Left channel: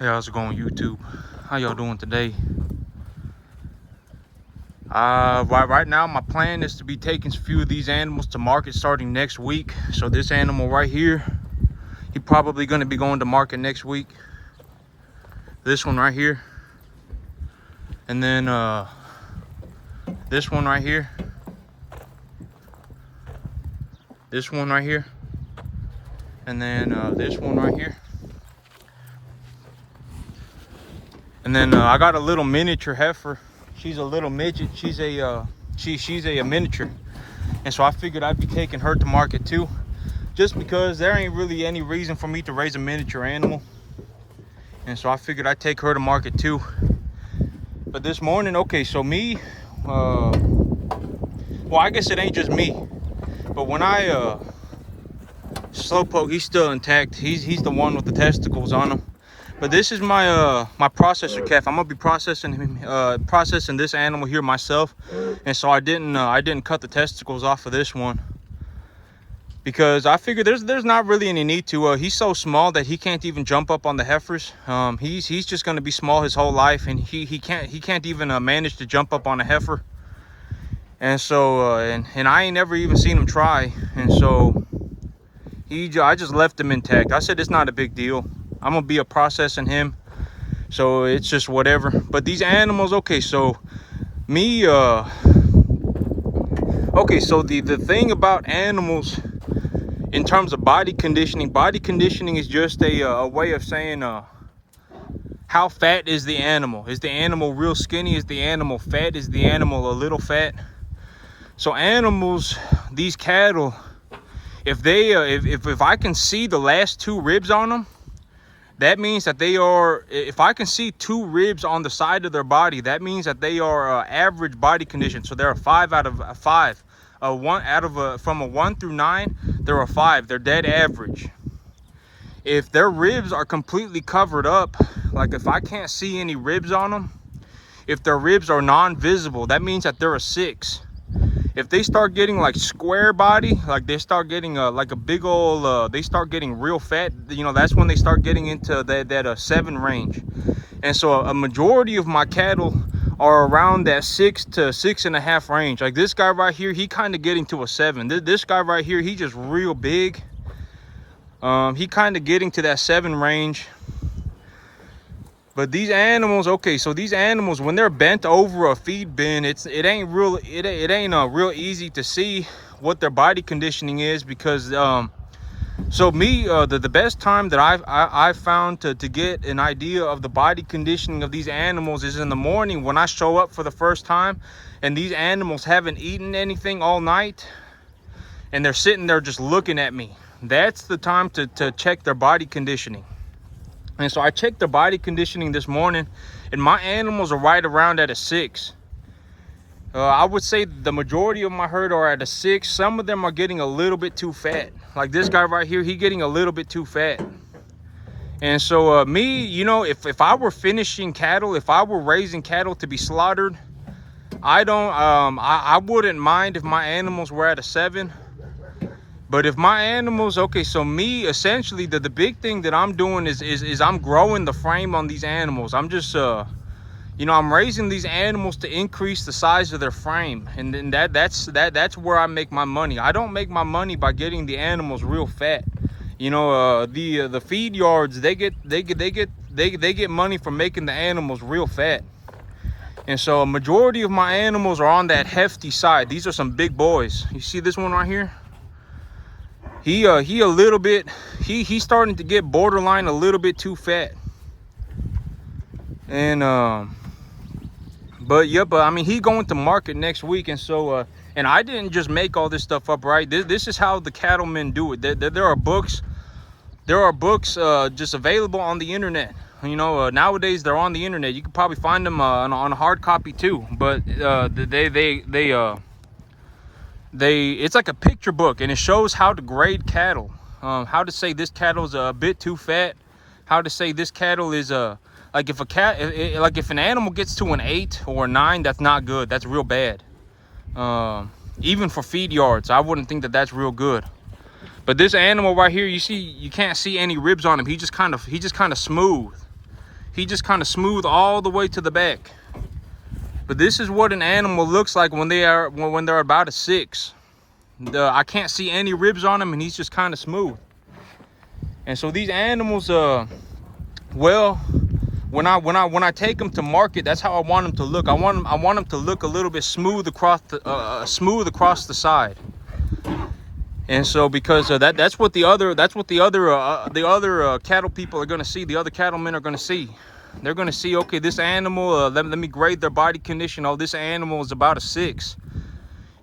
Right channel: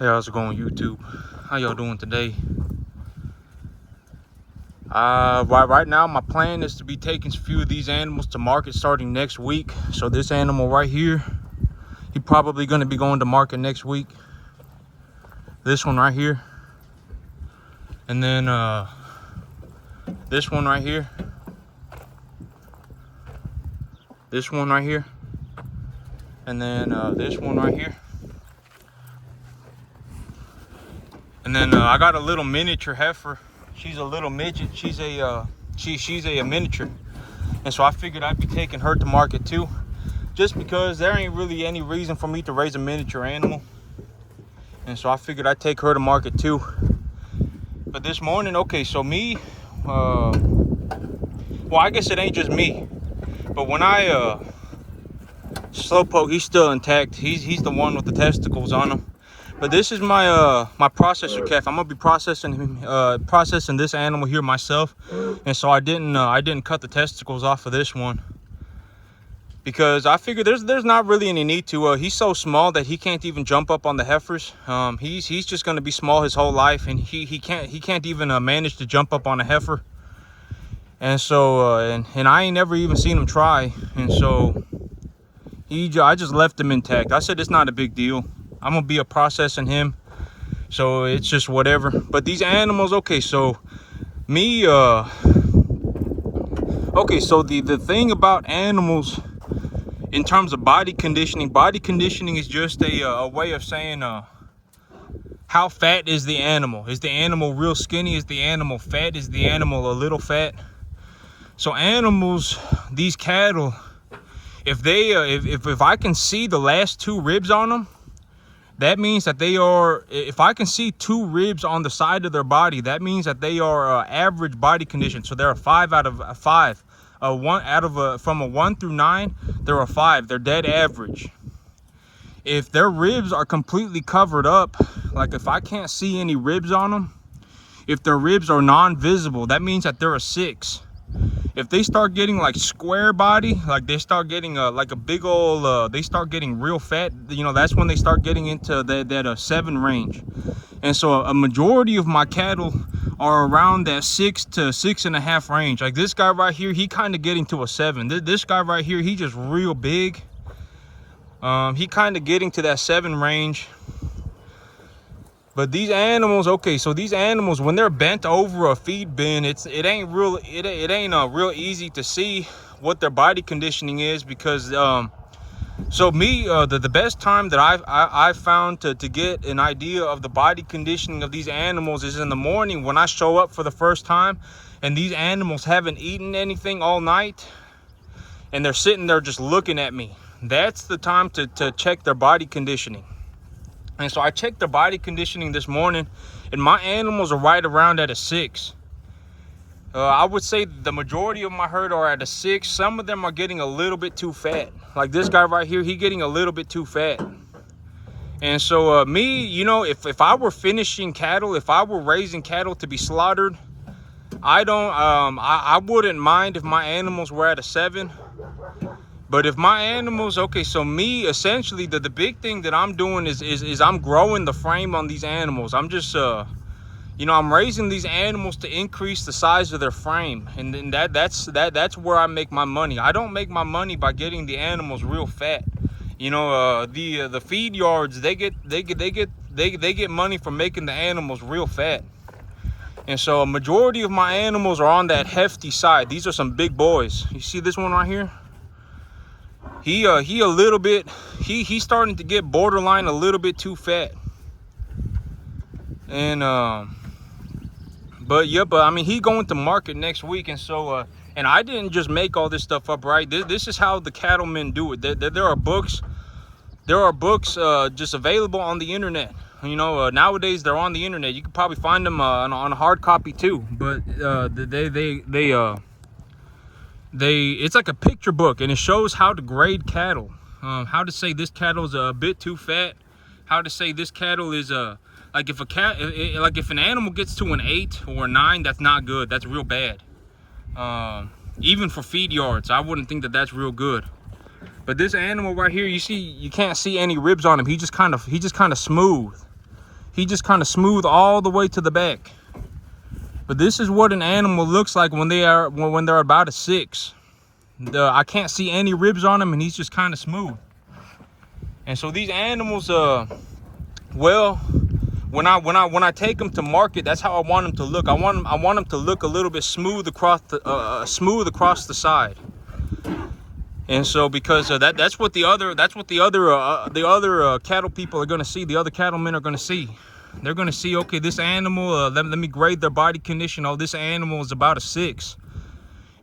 Hey, how's it going, YouTube? How y'all doing today? Right now, my plan is to be taking a few of these animals to market starting next week. So this animal right here, he probably going to be going to market next week. This one right here, and then this one right here, this one right here, and then this one right here. And then I got a little miniature heifer. She's a little midget. She's a miniature, and so I figured I'd be taking her to market too, just because there ain't really any reason for me to raise a miniature animal, and so I figured I'd take her to market too. But this morning, okay, so me, well, I guess it ain't just me, but when I Slowpoke, he's still intact. He's the one with the testicles on him. But this is my my processor calf. I'm gonna be processing this animal here myself, and so I didn't cut the testicles off of this one because I figured there's not really any need to. He's so small that he can't even jump up on the heifers. He's just gonna be small his whole life, and he can't even manage to jump up on a heifer. And so and I ain't never even seen him try, and so I just left him intact. I said it's not a big deal. I'm gonna be processing him, so it's just whatever. But these animals, okay, so me okay, so the thing about animals in terms of body conditioning is just a way of saying how fat is the animal. Is the animal real skinny? Is the animal fat? Is the animal a little fat? So animals, these cattle, if they if I can see the last two ribs on them, that means that they are, if I can see two ribs on the side of their body, that means that they are average body condition. So they're a 5 out of 5. From a 1 through 9, they're a 5. They're dead average. If their ribs are completely covered up, like if I can't see any ribs on them, if their ribs are non-visible, that means that they're a 6. If they start getting like square body, like they start getting like a big old, they start getting real fat, you know, that's when they start getting into that 7 range. And so a majority of my cattle are around that 6 to 6.5 range. Like this guy right here, he kind of getting to a 7. This guy right here, he just real big. He kind of getting to that 7 range. But these animals, okay, so these animals, when they're bent over a feed bin, it ain't real easy to see what their body conditioning is, because so me, the best time that I've found to get an idea of the body conditioning of these animals is in the morning when I show up for the first time and these animals haven't eaten anything all night and they're sitting there just looking at me. That's the time to check their body conditioning. And so I checked their body conditioning this morning, and my animals are right around at a 6. I would say the majority of my herd are at a 6. Some of them are getting a little bit too fat. Like this guy right here, he getting a little bit too fat. And so me, you know, if I were finishing cattle, if I were raising cattle to be slaughtered, I wouldn't mind if my animals were at a 7. But if my animals, okay, so me, essentially, the big thing that I'm doing is I'm growing the frame on these animals. I'm just, you know, I'm raising these animals to increase the size of their frame. And then that's where I make my money. I don't make my money by getting the animals real fat. You know, the feed yards, they get money from making the animals real fat. And so a majority of my animals are on that hefty side. These are some big boys. You see this one right here? He a little bit, he's starting to get borderline a little bit too fat. And but I mean, he going to market next week. And so and I didn't just make all this stuff up, right? This is how the cattlemen do it. There are books just available on the internet. You know, nowadays they're on the internet. You can probably find them on a hard copy too. But it's like a picture book, and it shows how to grade cattle, how to say this cattle is a bit too fat, how to say this cattle is like if an animal gets to an 8 or a 9, that's not good. That's real bad. Even for feed yards, I wouldn't think that that's real good. But this animal right here, you can't see any ribs on him. He just kind of smooth. He just kind of smooth all the way to the back. But this is what an animal looks like when they're about a 6. I can't see any ribs on him, and he's just kind of smooth. And so these animals, well, when I take them to market, that's how I want them to look. I want them to look a little bit smooth across the side. And so because that's what the other cattle people are going to see. The other cattlemen are going to see. They're going to see, okay, this animal, let me grade their body condition. Oh, this animal is about a 6.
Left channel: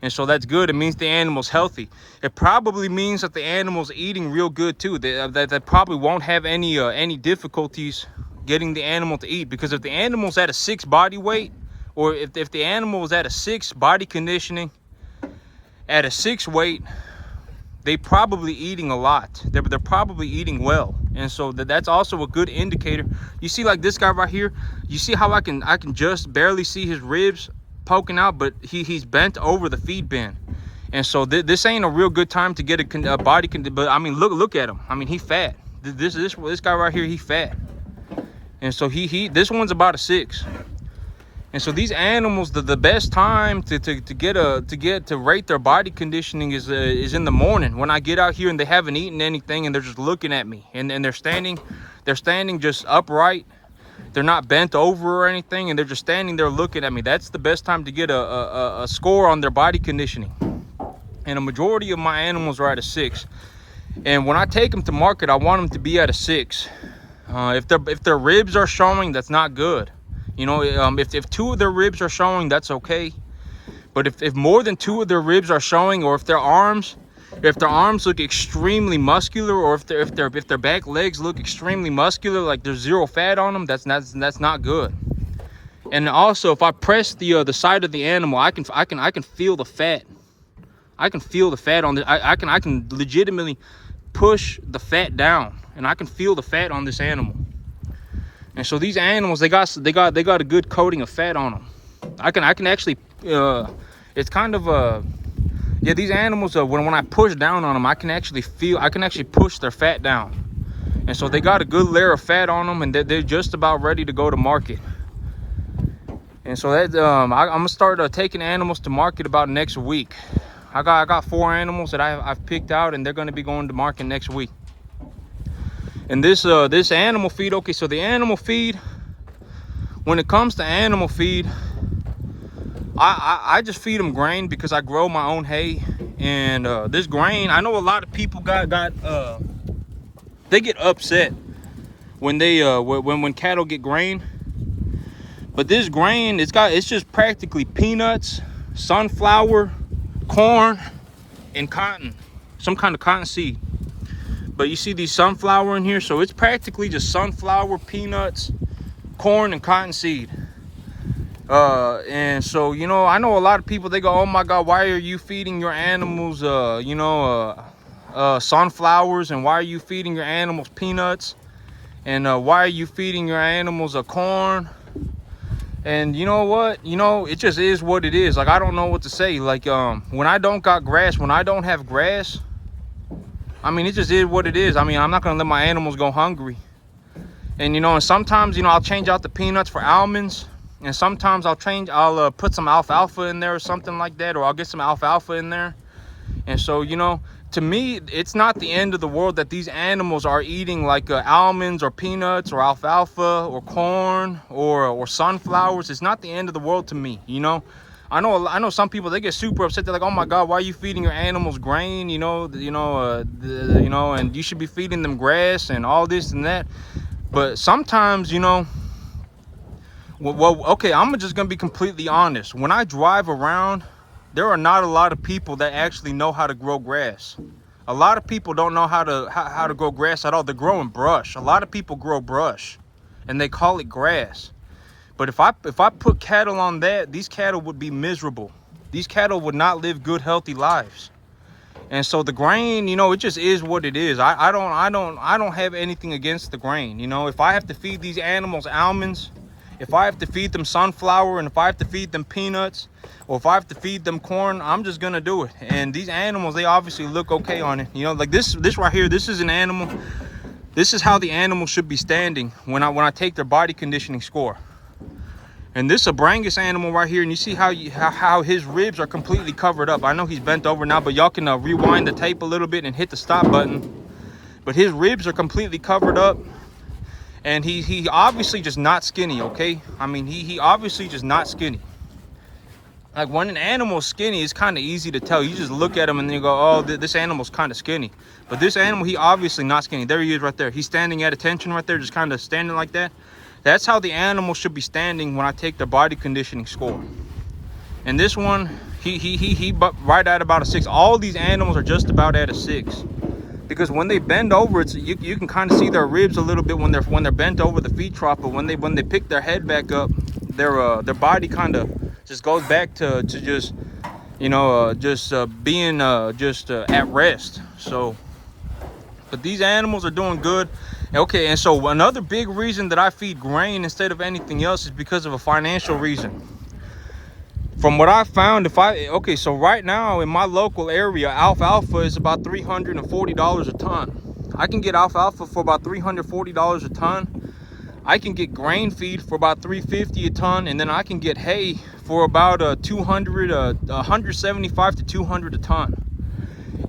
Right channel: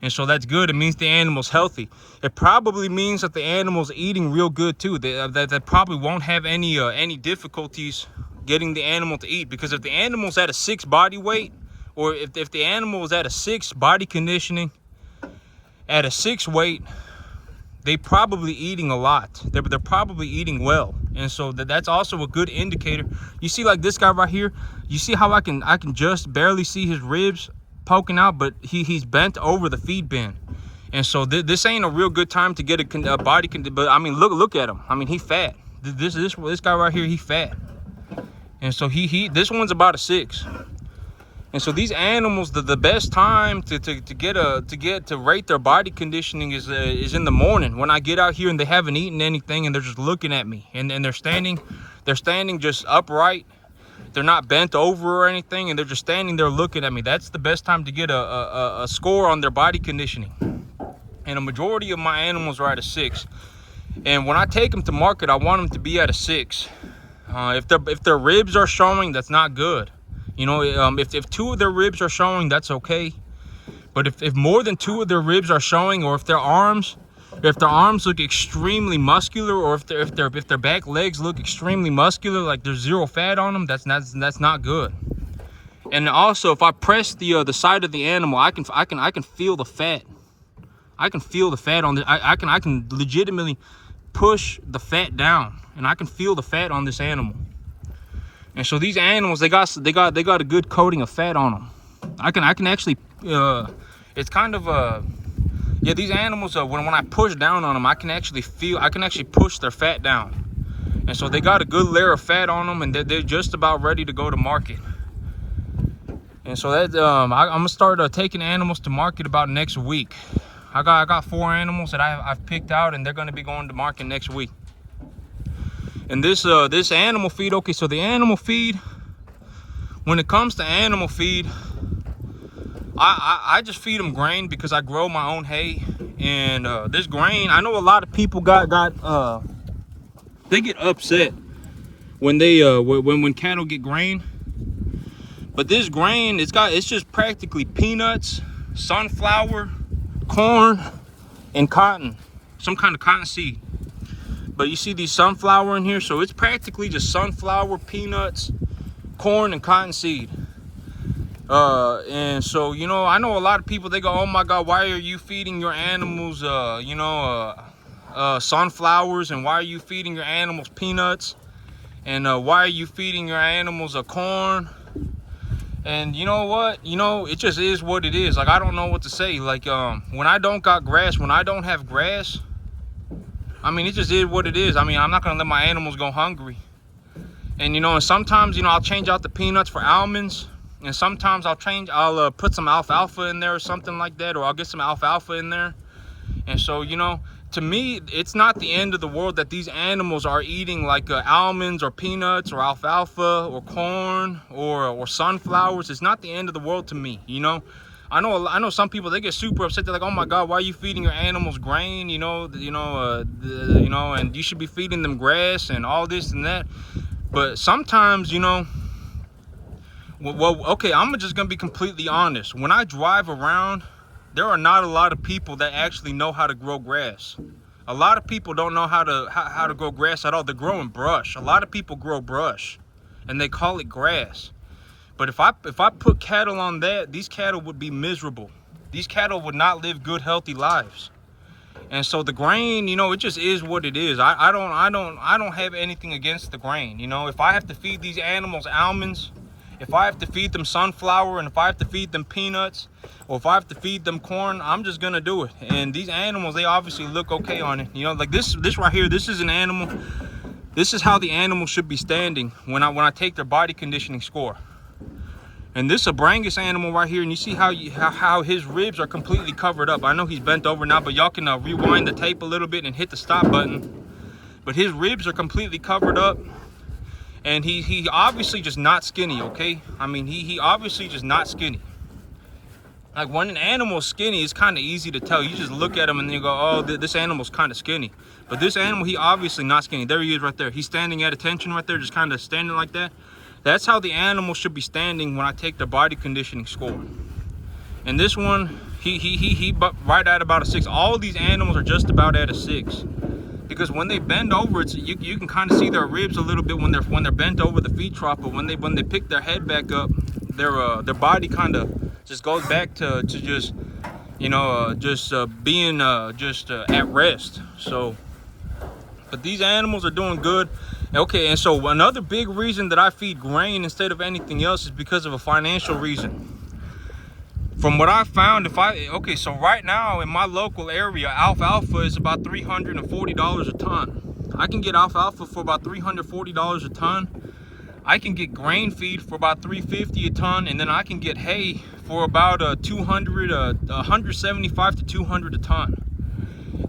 And so that's good. It means the animal's healthy. It probably means that the animal's eating real good too. That probably won't have any difficulties getting the animal to eat. Because if the animal's at a 6 body weight, or if the animal is at a 6 body conditioning, at a 6 weight, they probably eating a lot. They're probably eating well. And so that's also a good indicator. You see, like this guy right here, you see how I can just barely see his ribs poking out, but he's bent over the feed bin. And so this ain't a real good time to get a body but I mean, look at him. I mean, he fat. This guy right here, he fat. And so this one's about a 6. And so these animals, the best time to rate their body conditioning is in the morning, when I get out here and they haven't eaten anything and they're just looking at me, and they're standing just upright. They're not bent over or anything, and they're just standing there looking at me. That's the best time to get a score on their body conditioning. And a majority of my animals are at a 6. And when I take them to market, I want them to be at a 6. If their ribs are showing, that's not good. You know, if 2 of their ribs are showing, that's okay. But if more than 2 of their ribs are showing, or if their arms look extremely muscular, or if their back legs look extremely muscular, like there's 0 fat on them, that's not good. And also, if I press the side of the animal, I can feel the fat. I can feel the fat on the. I can legitimately push the fat down, and I can feel the fat on this animal. And so these animals, they got a good coating of fat on them. I can actually, it's kind of yeah, these animals, when I push down on them, I can actually push their fat down. And so they got a good layer of fat on them, and they're just about ready to go to market. And so that I'm gonna start taking animals to market about next week. I got 4 animals that I've picked out, and they're gonna be going to market next week. And this animal feed, okay, so the animal feed, when it comes to animal feed, I just feed them grain because I grow my own hay. And this grain, I know a lot of people they get upset when when cattle get grain. But this grain, it's just practically peanuts, sunflower, corn, and cotton, some kind of cotton seed. But you see these sunflower in here, so it's practically just sunflower, peanuts, corn, and cotton seed. And so, you know, I know a lot of people, they go, oh my God, why are you feeding your animals, sunflowers, and why are you feeding your animals peanuts, and why are you feeding your animals corn? And you know what, you know, it just is what it is. Like, I don't know what to say. Like, when I don't got grass, when I don't have grass, I mean, it just is what it is. I mean, I'm not gonna let my animals go hungry. And you know, and sometimes, you know, I'll change out the peanuts for almonds, and sometimes I'll put some alfalfa in there or something like that, or I'll get some alfalfa in there. And so, you know, to me, it's not the end of the world that these animals are eating like almonds or peanuts or alfalfa or corn or sunflowers. It's not the end of the world to me, you know. I know some people, they get super upset. They're like, oh my God, why are you feeding your animals grain? You know, and you should be feeding them grass and all this and that. But sometimes, you know, well, okay, I'm just gonna be completely honest. When I drive around, there are not a lot of people that actually know how to grow grass. A lot of people don't know how to grow grass at all. They're growing brush. A lot of people grow brush, and they call it grass. But if I put cattle on that, these cattle would be miserable. These cattle would not live good, healthy lives. And so the grain, you know, it just is what it is. I don't have anything against the grain. You know, if I have to feed these animals almonds, if I have to feed them sunflower, and if I have to feed them peanuts, or if I have to feed them corn, I'm just gonna do it. And these animals, they obviously look okay on it. You know, like this right here, this is an animal This is how the animal should be standing when I take their body conditioning score. And this Brangus animal right here, and you see how his ribs are completely covered up. I know he's bent over now, but y'all can rewind the tape a little bit and hit the stop button. But his ribs are completely covered up, and he obviously just not skinny, okay? I mean, he obviously just not skinny. Like when an animal's skinny, it's kind of easy to tell. You just look at him and you go, oh, this animal's kind of skinny. But this animal, he obviously not skinny. There he is right there. He's standing at attention right there, just kind of standing like that. That's how the animal should be standing when I take the body conditioning score. And this one, he right at about a 6. All these animals are just about at a 6, because when they bend over, you can kind of see their ribs a little bit when they're bent over the feed trough. But when they pick their head back up, their body kind of just goes back to just, you know, being at rest. So, but these animals are doing good. Okay, and so another big reason that I feed grain instead of anything else is because of a financial reason. From what I found, so right now in my local area, alfalfa is about $340 a ton. I can get alfalfa for about $340 a ton. I can get grain feed for about $350 a ton, and then I can get hay for about $175 to $200 a ton.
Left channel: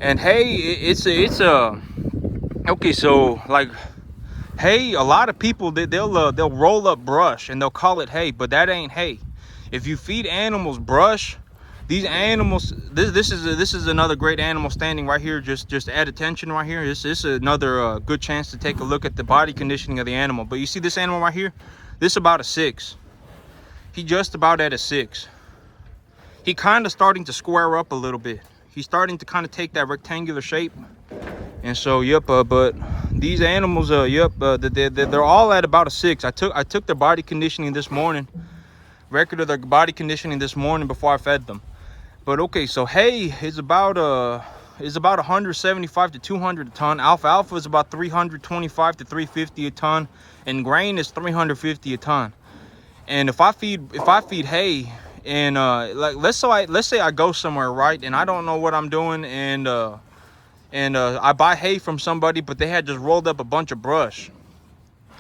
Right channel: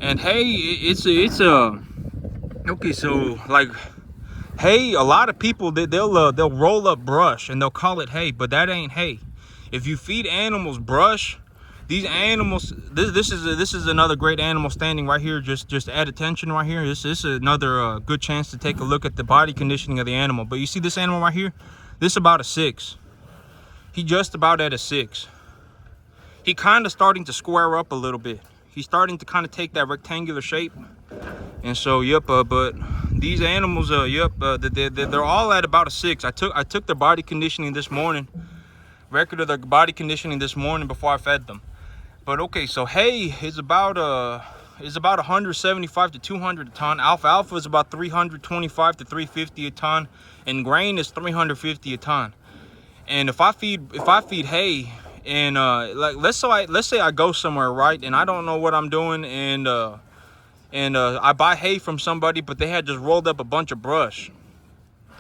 And hay, okay, so like hay, a lot of people they'll roll up brush and they'll call it hay, but that ain't hay. If you feed animals brush, these animals, this is another great animal standing right here. Just add attention right here. This is another good chance to take a look at the body conditioning of the animal. But you see this animal right here, this about a 6. He just about at a 6. He kind of starting to square up a little bit. He's starting to kind of take that rectangular shape. And so but these animals they're all at about a 6. I took their body conditioning this morning, record of their body conditioning this morning before I fed them. But okay, so hay is about 175 to 200 a ton. Alfalfa is about 325 to 350 a ton, and grain is 350 a ton. And if I feed hay, and like let's say I go somewhere, right, and I don't know what I'm doing, and I buy hay from somebody, but they had just rolled up a bunch of brush.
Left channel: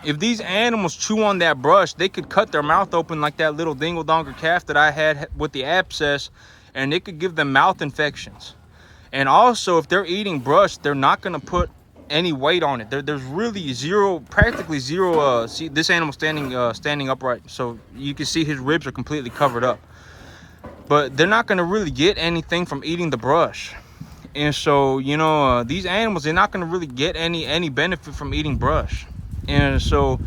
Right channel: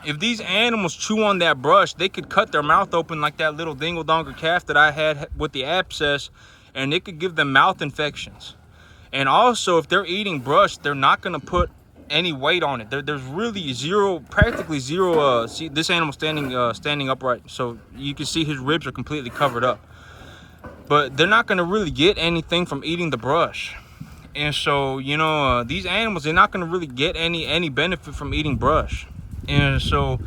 If these animals chew on that brush, they could cut their mouth open like that little dingle-donger calf that I had with the abscess, and it could give them mouth infections. And also, if they're eating brush, they're not going to put any weight on it. There's really practically zero. See this animal standing upright, so you can see his ribs are completely covered up. But they're not going to really get anything from eating the brush. And so, you know, these animals, they're not going to really get any benefit from eating brush. And so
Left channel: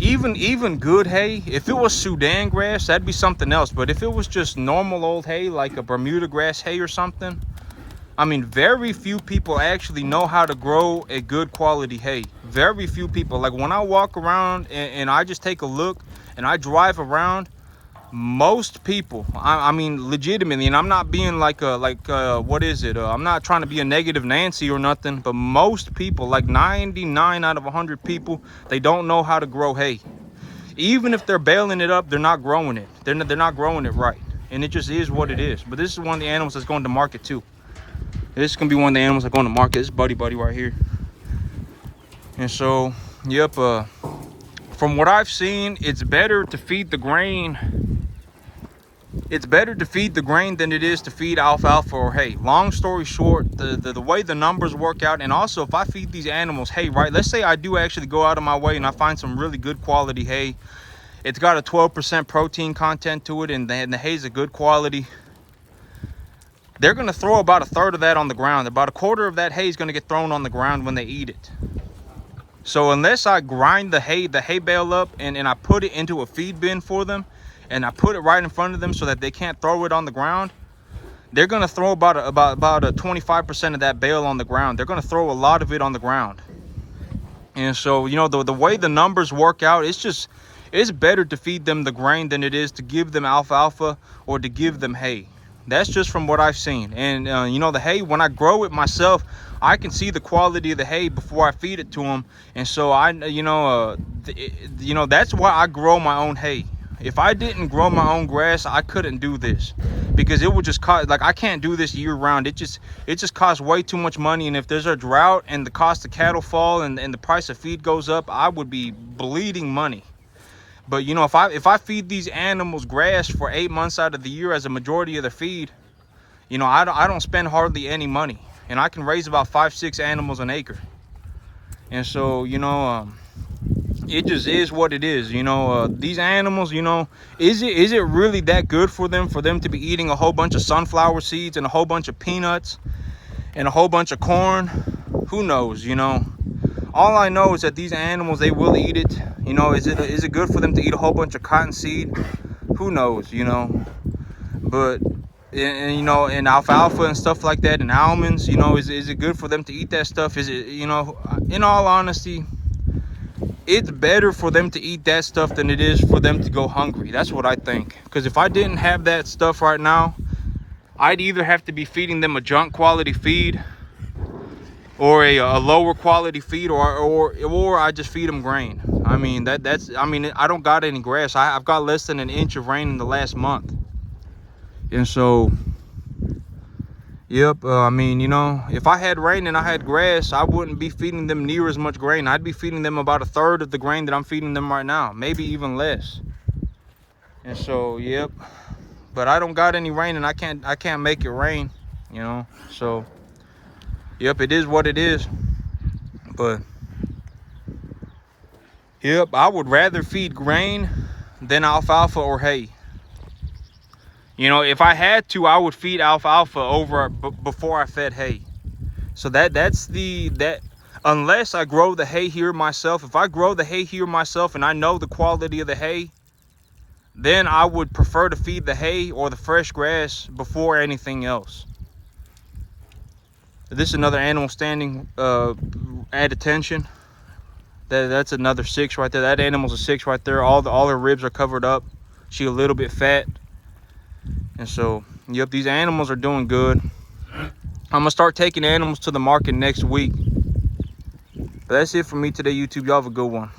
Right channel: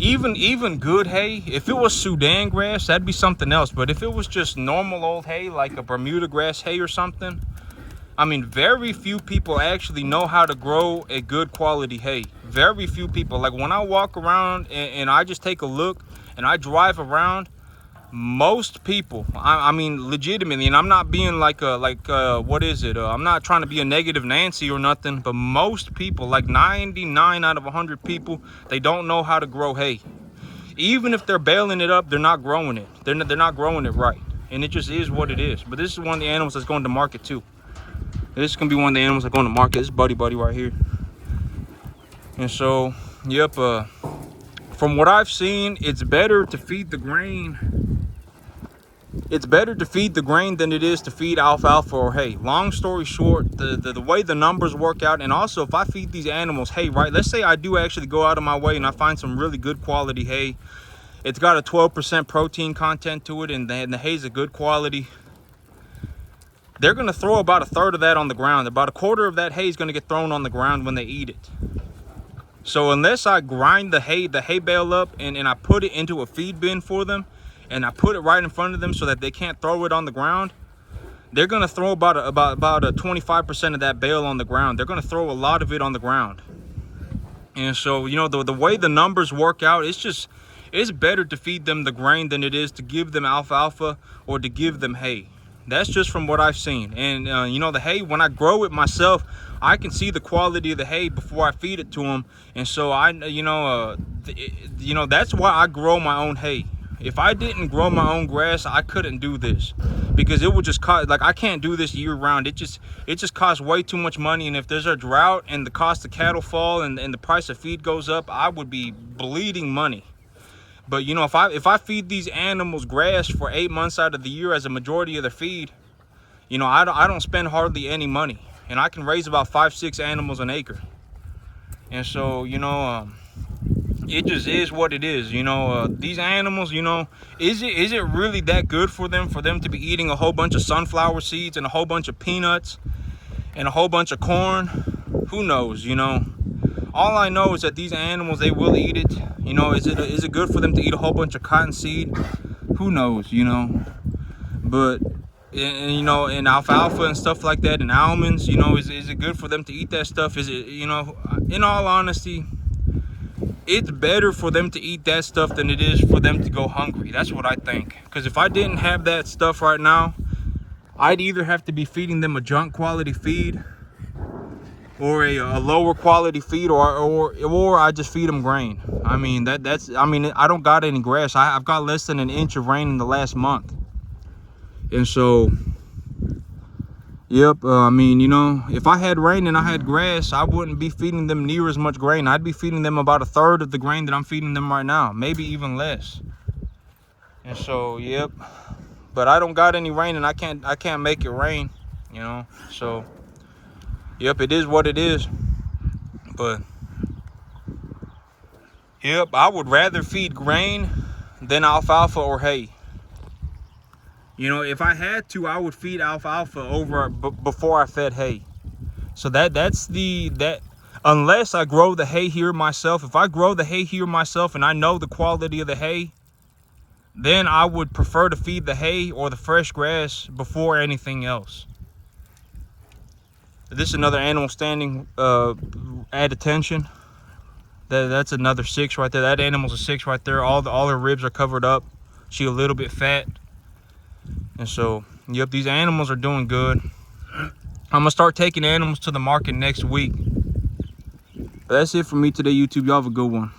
even good hay, if it was Sudan grass, that'd be something else. But if it was just normal old hay, like a Bermuda grass hay or something, I mean, very few people actually know how to grow a good quality hay. Very few people. Like when I walk around and I just take a look and I drive around, most people, I mean legitimately, and I'm not being what is it, I'm not trying to be a negative Nancy or nothing, but most people, like 99 out of 100 people, they don't know how to grow hay. Even if they're baling it up, they're not growing it. They're not growing it right, and it just is what it is. But this is one of the animals that's going to market too. This is gonna be one of the animals that's going to market. This buddy right here. And so from what I've seen, it's better to feed the grain. It's better to feed the grain than it is to feed alfalfa or hay. Long story short, the way the numbers work out, and also if I feed these animals hay, right, let's say I do actually go out of my way and I find some really good quality hay. It's got a 12% protein content to it, and the hay is a good quality. They're going to throw about a third of that on the ground. About a quarter of that hay is going to get thrown on the ground when they eat it. So unless I grind the hay bale up and I put it into a feed bin for them, and I put it right in front of them so that they can't throw it on the ground, they're going to throw about a 25% of that bale on the ground. They're going to throw a lot of it on the ground. And so, you know, the way the numbers work out, it's better to feed them the grain than it is to give them alfalfa or to give them hay. That's just from what I've seen. And you know, the hay, when I grow it myself, I can see the quality of the hay before I feed it to them. And so that's why I grow my own hay. If I didn't grow my own grass, I couldn't do this, because it would just cost, like, I can't do this year round. It just costs way too much money. And if there's a drought and the cost of cattle fall and the price of feed goes up, I would be bleeding money. But you know, if I feed these animals grass for 8 months out of the year as a majority of their feed, you know, I don't spend hardly any money, and I can raise about 5-6 animals an acre. And so, you know, it just is what it is. You know, these animals, you know, is it really that good for them to be eating a whole bunch of sunflower seeds and a whole bunch of peanuts and a whole bunch of corn? Who knows? You know, all I know is that these animals, they will eat it. You know, is it good for them to eat a whole bunch of cottonseed? Who knows? You know, but and you know, and alfalfa and stuff like that, and almonds, you know, is it good for them to eat that stuff? Is it, you know, in all honesty, it's better for them to eat that stuff than it is for them to go hungry. That's what I think. Because if I didn't have that stuff right now, I'd either have to be feeding them a junk quality feed, or a lower quality feed, or I just feed them grain. I mean, I mean, I don't got any grass. I've got less than an inch of rain in the last month. And so, yep, I mean, you know, if I had rain and I had grass, I wouldn't be feeding them near as much grain. I'd be feeding them about 1/3 of the grain that I'm feeding them right now, maybe even less. And so, yep, but I don't got any rain, and I can't make it rain, you know. So, yep, it is what it is. But, yep, I would rather feed grain than alfalfa or hay. You know, if I had to, I would feed alfalfa over before I fed hay. So that's unless I grow the hay here myself. If I grow the hay here myself and I know the quality of the hay, then I would prefer to feed the hay or the fresh grass before anything else. This is another animal standing at attention. That's another 6 right there. That animal's a 6 right there. All her ribs are covered up. She a little bit fat. And so, yep, these animals are doing good. I'm gonna start taking animals to the market next week. But that's it for me today, YouTube. Y'all have a good one.